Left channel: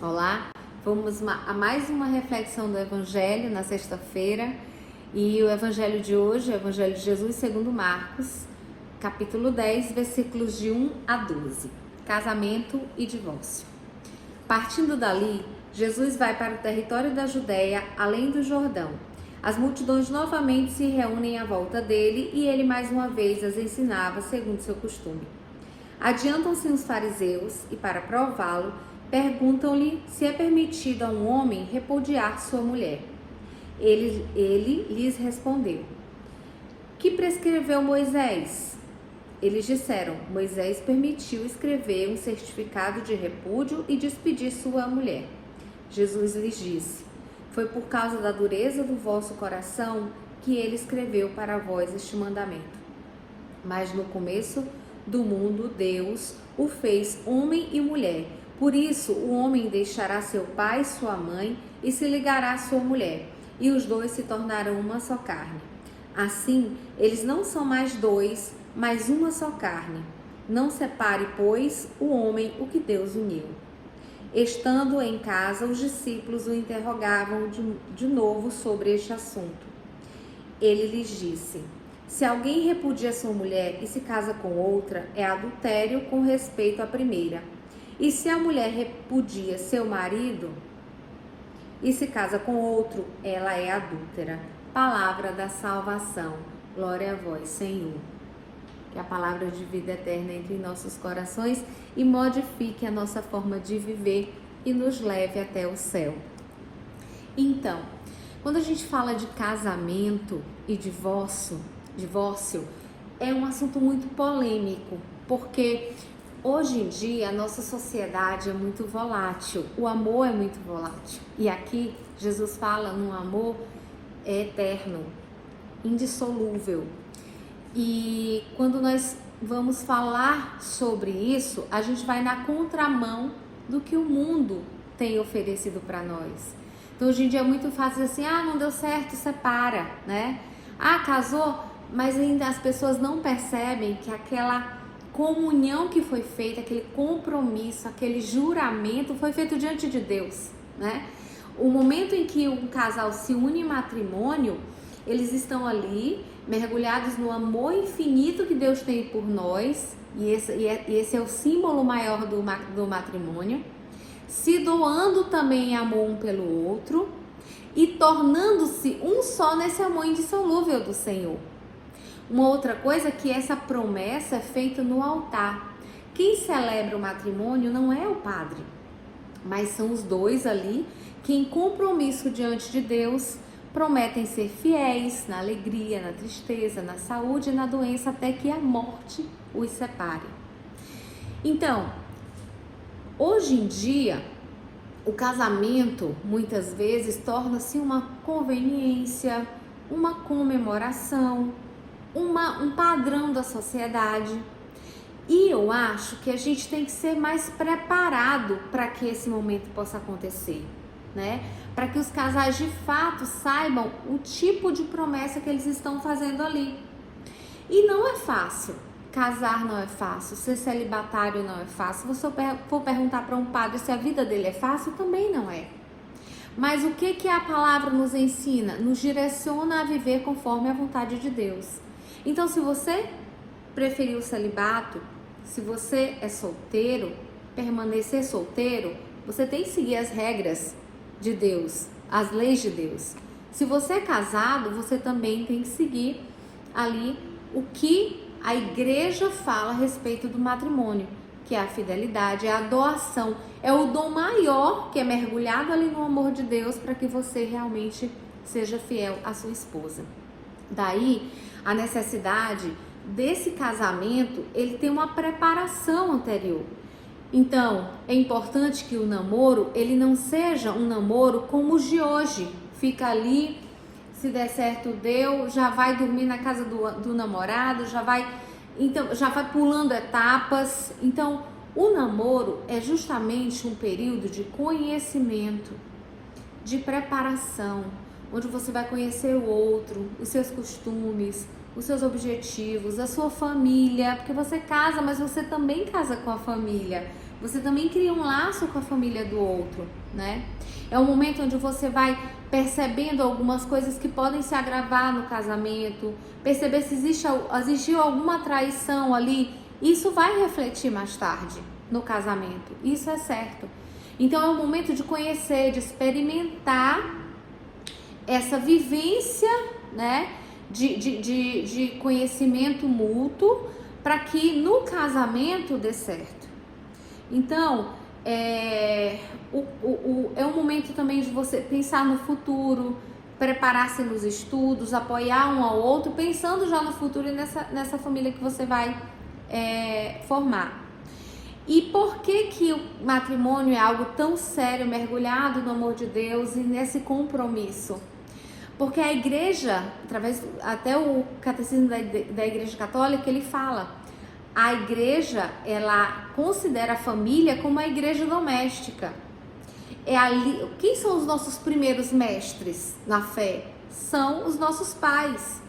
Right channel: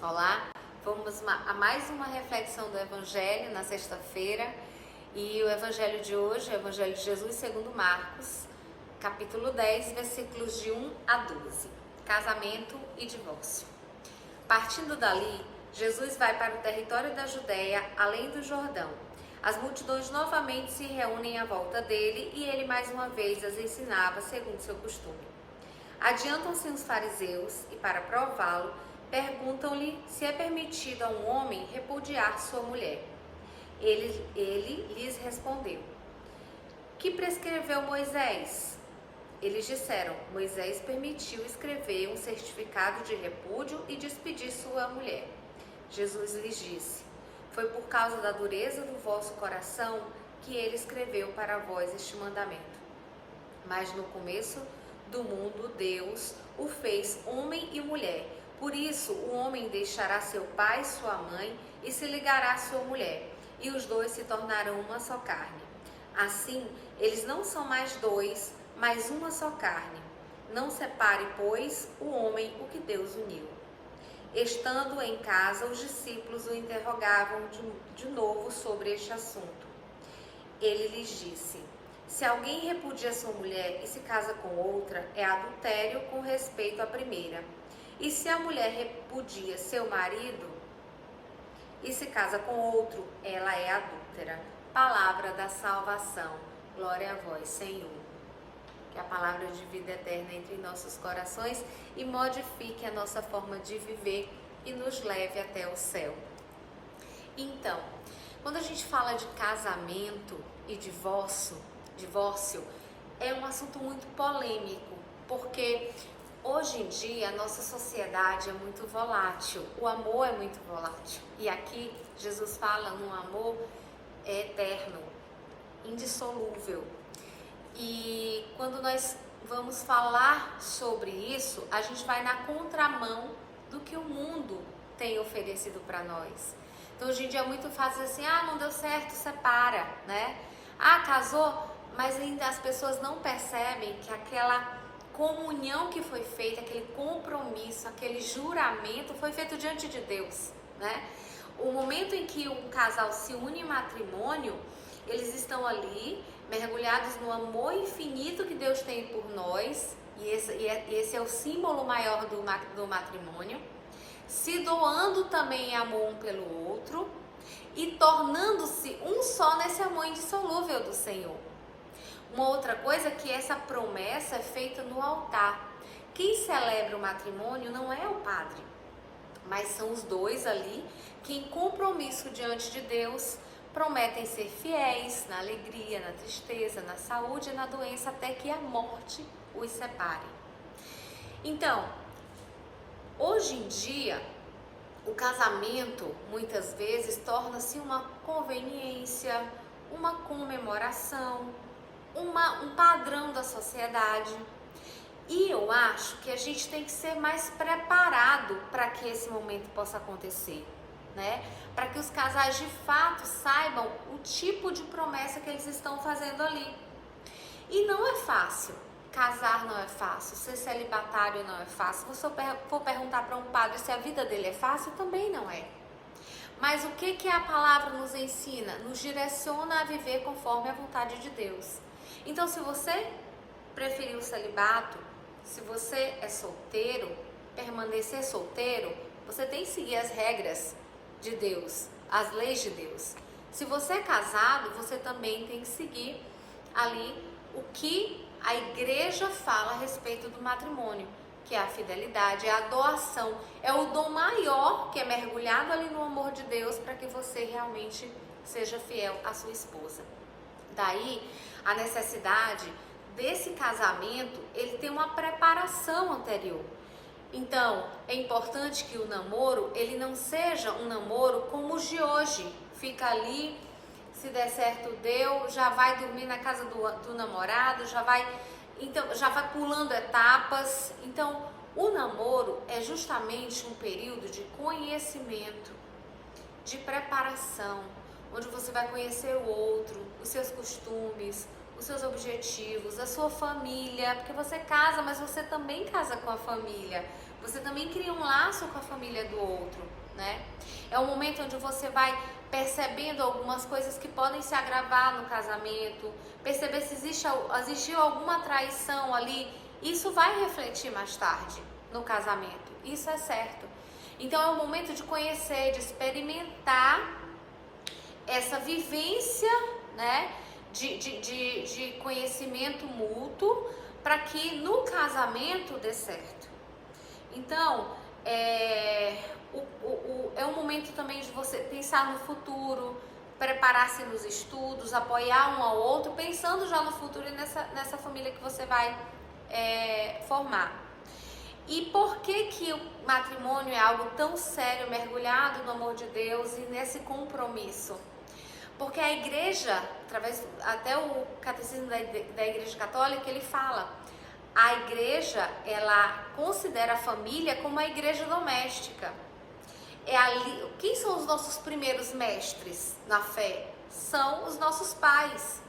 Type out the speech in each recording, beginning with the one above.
Olá, vamos a mais uma reflexão do Evangelho na sexta-feira e o Evangelho de hoje é o Evangelho de Jesus segundo Marcos, capítulo 10, versículos de 1 a 12, casamento e divórcio. Partindo dali, Jesus vai para o território da Judéia, além do Jordão. As multidões novamente se reúnem à volta dele e ele mais uma vez as ensinava segundo seu costume. Adiantam-se os fariseus e, para prová-lo, perguntam-lhe se é permitido a um homem repudiar sua mulher. Ele lhes respondeu: que prescreveu Moisés? Eles disseram: Moisés permitiu escrever um certificado de repúdio e despedir sua mulher. Jesus lhes disse: foi por causa da dureza do vosso coração que ele escreveu para vós este mandamento. Mas no começo do mundo, Deus o fez homem e mulher. Por isso, o homem deixará seu pai e sua mãe e se ligará à sua mulher, e os dois se tornarão uma só carne. Assim, eles não são mais dois, mas uma só carne. Não separe, pois, o homem o que Deus uniu. Estando em casa, os discípulos o interrogavam de novo sobre este assunto. Ele lhes disse: se alguém repudia sua mulher e se casa com outra, é adultério com respeito à primeira. E se a mulher repudia seu marido e se casa com outro, ela é adúltera. Palavra da salvação. Glória a vós, Senhor. Que a palavra de vida eterna entre em nossos corações e modifique a nossa forma de viver e nos leve até o céu. Então, quando a gente fala de casamento e divórcio é um assunto muito polêmico, porque hoje em dia a nossa sociedade é muito volátil, o amor é muito volátil. E aqui Jesus fala num amor eterno, indissolúvel. E quando nós vamos falar sobre isso, a gente vai na contramão do que o mundo tem oferecido para nós. Então hoje em dia é muito fácil dizer assim: não deu certo, separa, né? Casou, mas ainda as pessoas não percebem que aquela comunhão que foi feita, aquele compromisso, aquele juramento foi feito diante de Deus, né? O momento em que um casal se une em matrimônio, eles estão ali mergulhados no amor infinito que Deus tem por nós, e esse é o símbolo maior do matrimônio, se doando também amor um pelo outro e tornando-se um só nesse amor indissolúvel do Senhor. Uma outra coisa é que essa promessa é feita no altar. Quem celebra o matrimônio não é o padre, mas são os dois ali que, em compromisso diante de Deus, prometem ser fiéis na alegria, na tristeza, na saúde e na doença, até que a morte os separe. Então, hoje em dia, o casamento muitas vezes torna-se uma conveniência, uma comemoração, um padrão da sociedade. E eu acho que a gente tem que ser mais preparado para que esse momento possa acontecer, né? Para que os casais de fato saibam o tipo de promessa que eles estão fazendo ali. E não é fácil. Casar não é fácil, ser celibatário não é fácil. Se você for perguntar para um padre se a vida dele é fácil, também não é. Mas o que a palavra nos ensina? Nos direciona a viver conforme a vontade de Deus. Então, se você preferir o celibato, se você é solteiro, permanecer solteiro, você tem que seguir as regras de Deus, as leis de Deus. Se você é casado, você também tem que seguir ali o que a igreja fala a respeito do matrimônio, que é a fidelidade, é a doação, é o dom maior que é mergulhado ali no amor de Deus para que você realmente seja fiel à sua esposa. Daí a necessidade desse casamento, ele tem uma preparação anterior. Então, é importante que o namoro, ele não seja um namoro como os de hoje. Fica ali, se der certo deu, já vai dormir na casa do namorado, já vai pulando etapas. Então, o namoro é justamente um período de conhecimento, de preparação, onde você vai conhecer o outro, os seus costumes, os seus objetivos, a sua família, porque você casa, mas você também casa com a família. você também cria um laço com a família do outro, né? É um momento onde você vai percebendo algumas coisas que podem se agravar no casamento, perceber se existiu alguma traição ali. Isso vai refletir mais tarde no casamento, isso é certo. Então é um momento de conhecer, de experimentar essa vivência, né, de conhecimento mútuo, para que no casamento dê certo. Então, é um momento também de você pensar no futuro, preparar-se nos estudos, apoiar um ao outro, pensando já no futuro e nessa família que você vai formar. E por que o matrimônio é algo tão sério, mergulhado no amor de Deus e nesse compromisso? Porque a igreja, até o catecismo da Igreja Católica, ele fala, a igreja, ela considera a família como a igreja doméstica. Quem são os nossos primeiros mestres na fé? São os nossos pais.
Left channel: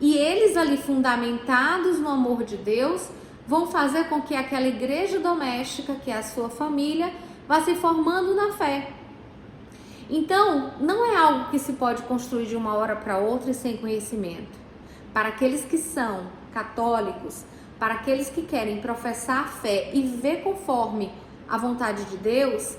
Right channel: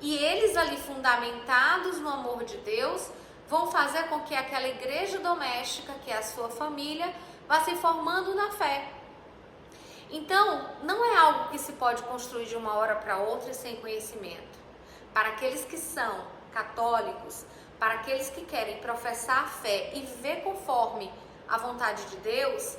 E eles ali, fundamentados no amor de Deus, vão fazer com que aquela igreja doméstica, que é a sua família, vá se formando na fé. Então, não é algo que se pode construir de uma hora para outra e sem conhecimento. Para aqueles que são católicos, para aqueles que querem professar a fé e viver conforme a vontade de Deus,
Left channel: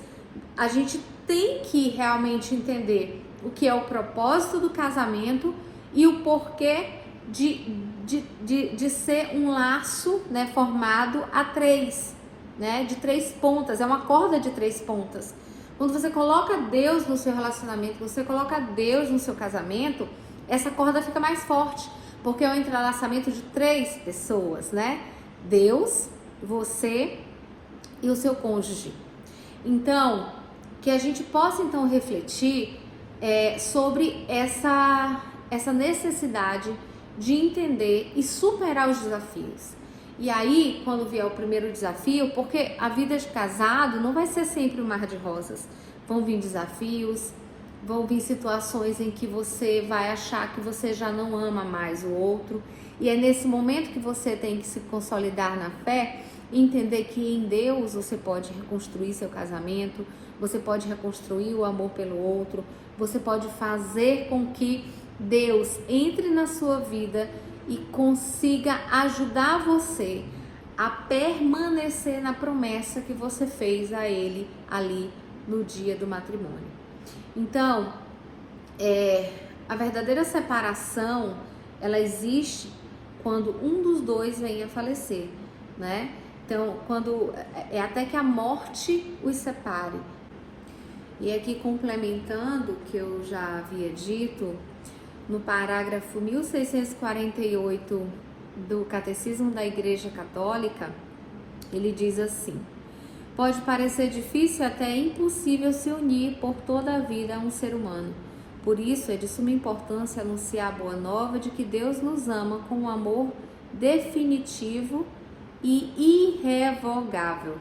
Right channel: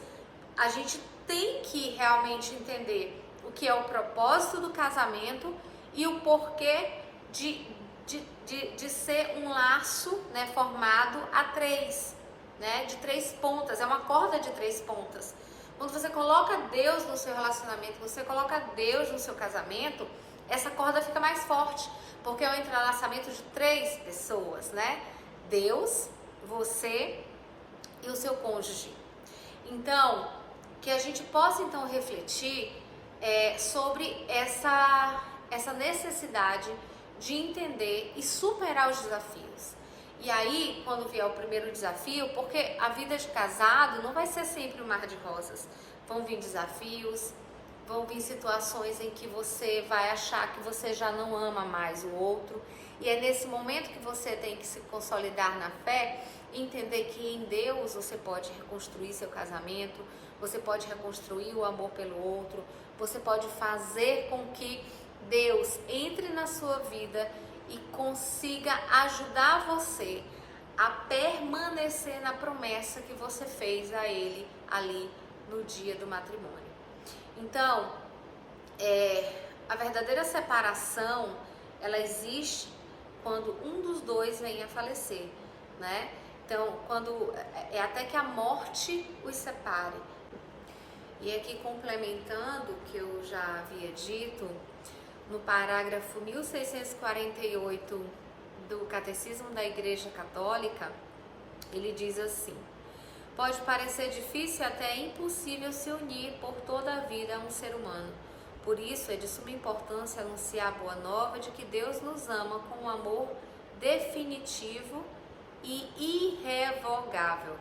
a gente tem que realmente entender o que é o propósito do casamento e o porquê de ser um laço, né, formado a três, né, de três pontas, é uma corda de três pontas. Quando você coloca Deus no seu relacionamento, você coloca Deus no seu casamento, essa corda fica mais forte, porque é o entrelaçamento de três pessoas, né? Deus, você e o seu cônjuge. Então, que a gente possa então refletir sobre essa necessidade de entender e superar os desafios. E aí, quando vier o primeiro desafio, porque a vida de casado não vai ser sempre um mar de rosas. Vão vir desafios, vão vir situações em que você vai achar que você já não ama mais o outro. E é nesse momento que você tem que se consolidar na fé, entender que em Deus você pode reconstruir seu casamento, você pode reconstruir o amor pelo outro, você pode fazer com que Deus entre na sua vida e consiga ajudar você a permanecer na promessa que você fez a Ele ali no dia do matrimônio. Então, a verdadeira separação, ela existe quando um dos dois vem a falecer, né? Então, quando até que a morte os separe. E aqui complementando o que eu já havia dito, no parágrafo 1648 do Catecismo da Igreja Católica, ele diz assim: pode parecer difícil e até impossível se unir por toda a vida a um ser humano. Por isso é de suma importância anunciar a boa nova de que Deus nos ama com um amor definitivo e irrevogável,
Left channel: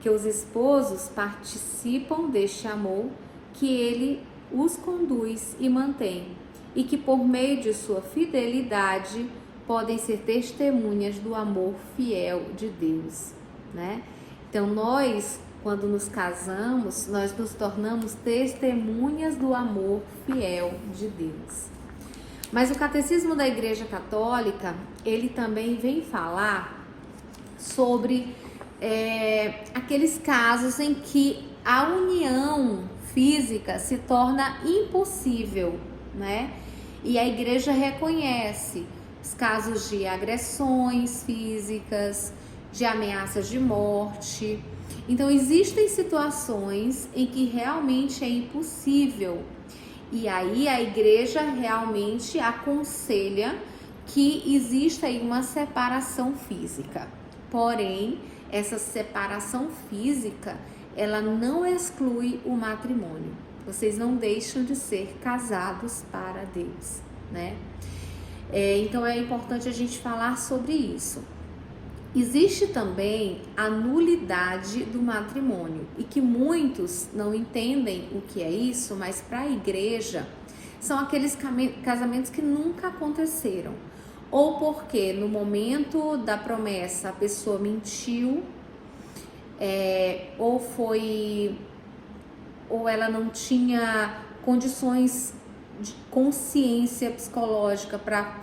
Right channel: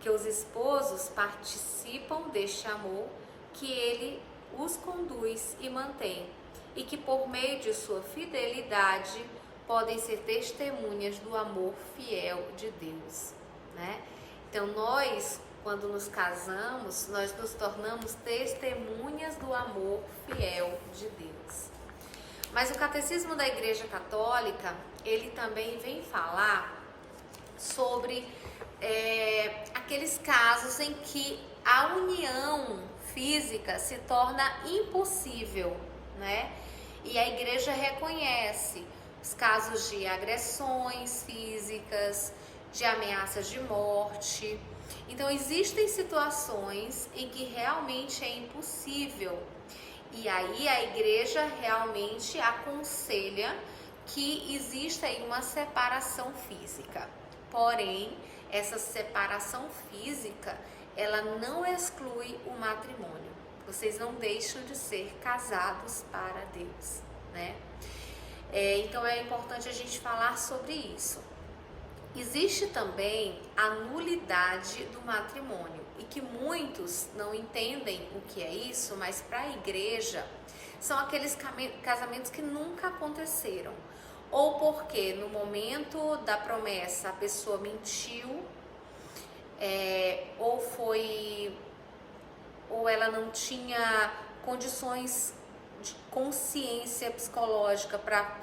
que os esposos participam deste amor, que ele os conduz e mantém, e que por meio de sua fidelidade podem ser testemunhas do amor fiel de Deus, né? Então nós, quando nos casamos, nós nos tornamos testemunhas do amor fiel de Deus. Mas o Catecismo da Igreja Católica, ele também vem falar sobre aqueles casos em que a união física se torna impossível, né? E a igreja reconhece os casos de agressões físicas, de ameaças de morte. Então existem situações em que realmente é impossível. E aí a igreja realmente aconselha que exista aí uma separação física. Porém, essa separação física, ela não exclui o matrimônio. Vocês não deixam de ser casados para Deus, né? Então é importante a gente falar sobre isso. Existe também a nulidade do matrimônio e que muitos não entendem o que é isso, mas para a igreja são aqueles casamentos que nunca aconteceram. Ou porque no momento da promessa a pessoa mentiu, ou ela não tinha condições de consciência psicológica para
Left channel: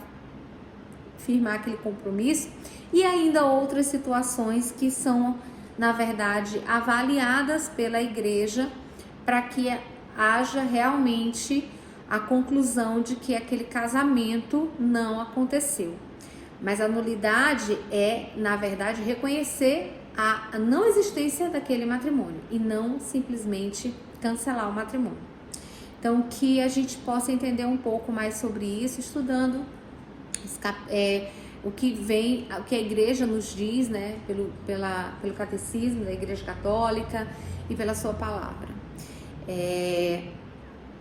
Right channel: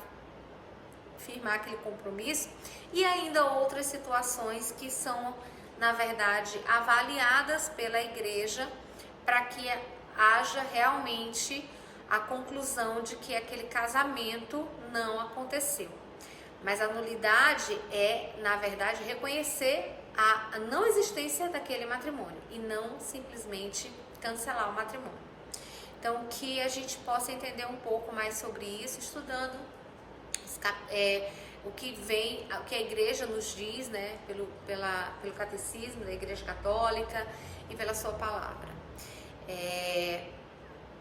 firmar aquele compromisso, e ainda outras situações que são, na verdade, avaliadas pela igreja para que haja realmente a conclusão de que aquele casamento não aconteceu. Mas a nulidade é, na verdade, reconhecer a não existência daquele matrimônio e não simplesmente cancelar o matrimônio. Então, que a gente possa entender um pouco mais sobre isso, estudando o que a igreja nos diz, né, pelo catecismo da Igreja Católica e pela sua palavra.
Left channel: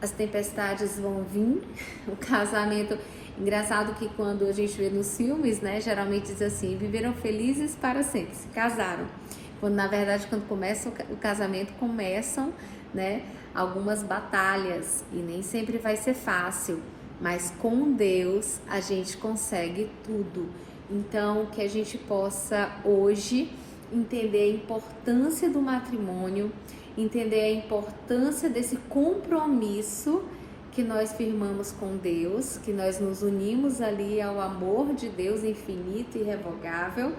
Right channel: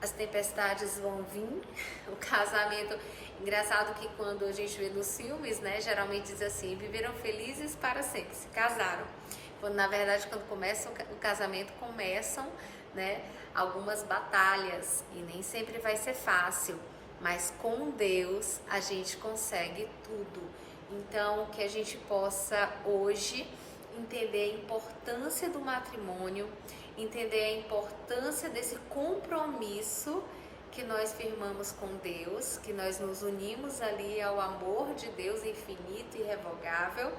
As tempestades vão vir, o casamento, engraçado que quando a gente vê nos filmes, né, geralmente diz assim, viveram felizes para sempre, se casaram. Quando na verdade, quando começa o casamento, começam, né, algumas batalhas e nem sempre vai ser fácil, mas com Deus a gente consegue tudo. Então, que a gente possa hoje entender a importância do matrimônio, entender a importância desse compromisso que nós firmamos com Deus, que nós nos unimos ali ao amor de Deus infinito e irrevogável,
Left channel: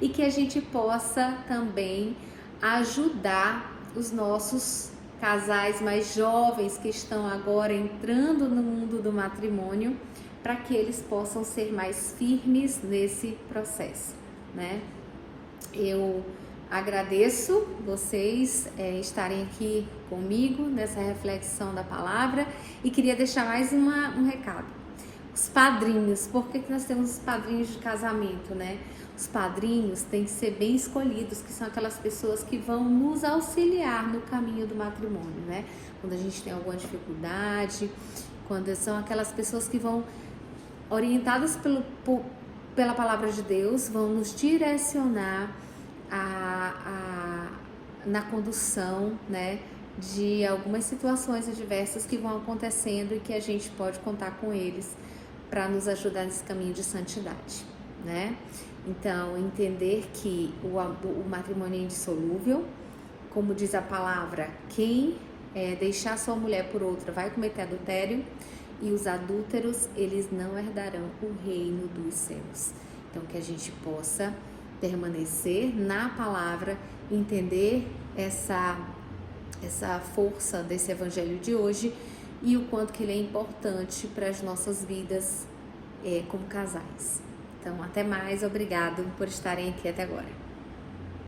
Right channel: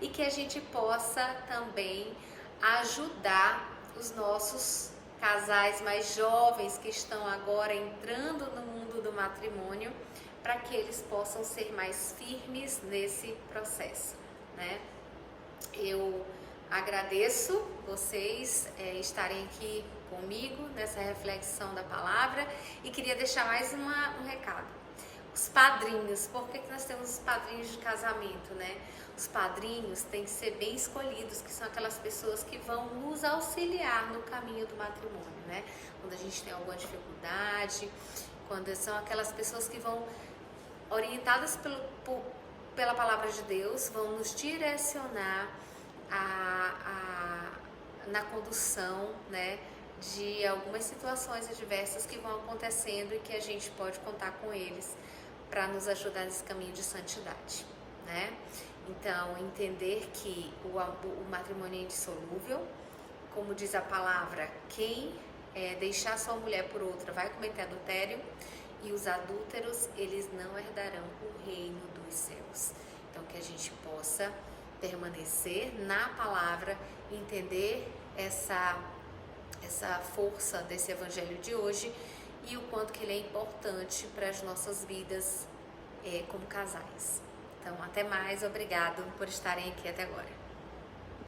e que a gente possa também ajudar os nossos casais mais jovens que estão agora entrando no mundo do matrimônio, para que eles possam ser mais firmes nesse processo, né? Eu agradeço vocês estarem aqui comigo nessa reflexão da palavra e queria deixar mais um recado. Os padrinhos, por que nós temos os padrinhos de casamento, né? Os padrinhos têm que ser bem escolhidos, que são aquelas pessoas que vão nos auxiliar no caminho do matrimônio, né? Quando a gente tem alguma dificuldade, quando são aquelas pessoas que vão orientadas pela palavra de Deus, vão nos direcionar na condução, né, de algumas situações adversas que vão acontecendo e que a gente pode contar com eles para nos ajudar nesse caminho de santidade, né? Então, entender que o matrimônio é indissolúvel, como diz a palavra, quem deixar sua mulher por outra vai cometer adultério, e os adúlteros, eles não herdarão o reino dos céus. Então, que a gente possa permanecer na palavra, entender essa força desse evangelho de hoje e o quanto que ele é importante para as nossas vidas como casais. Então, até mais, obrigado por estarem aqui até agora.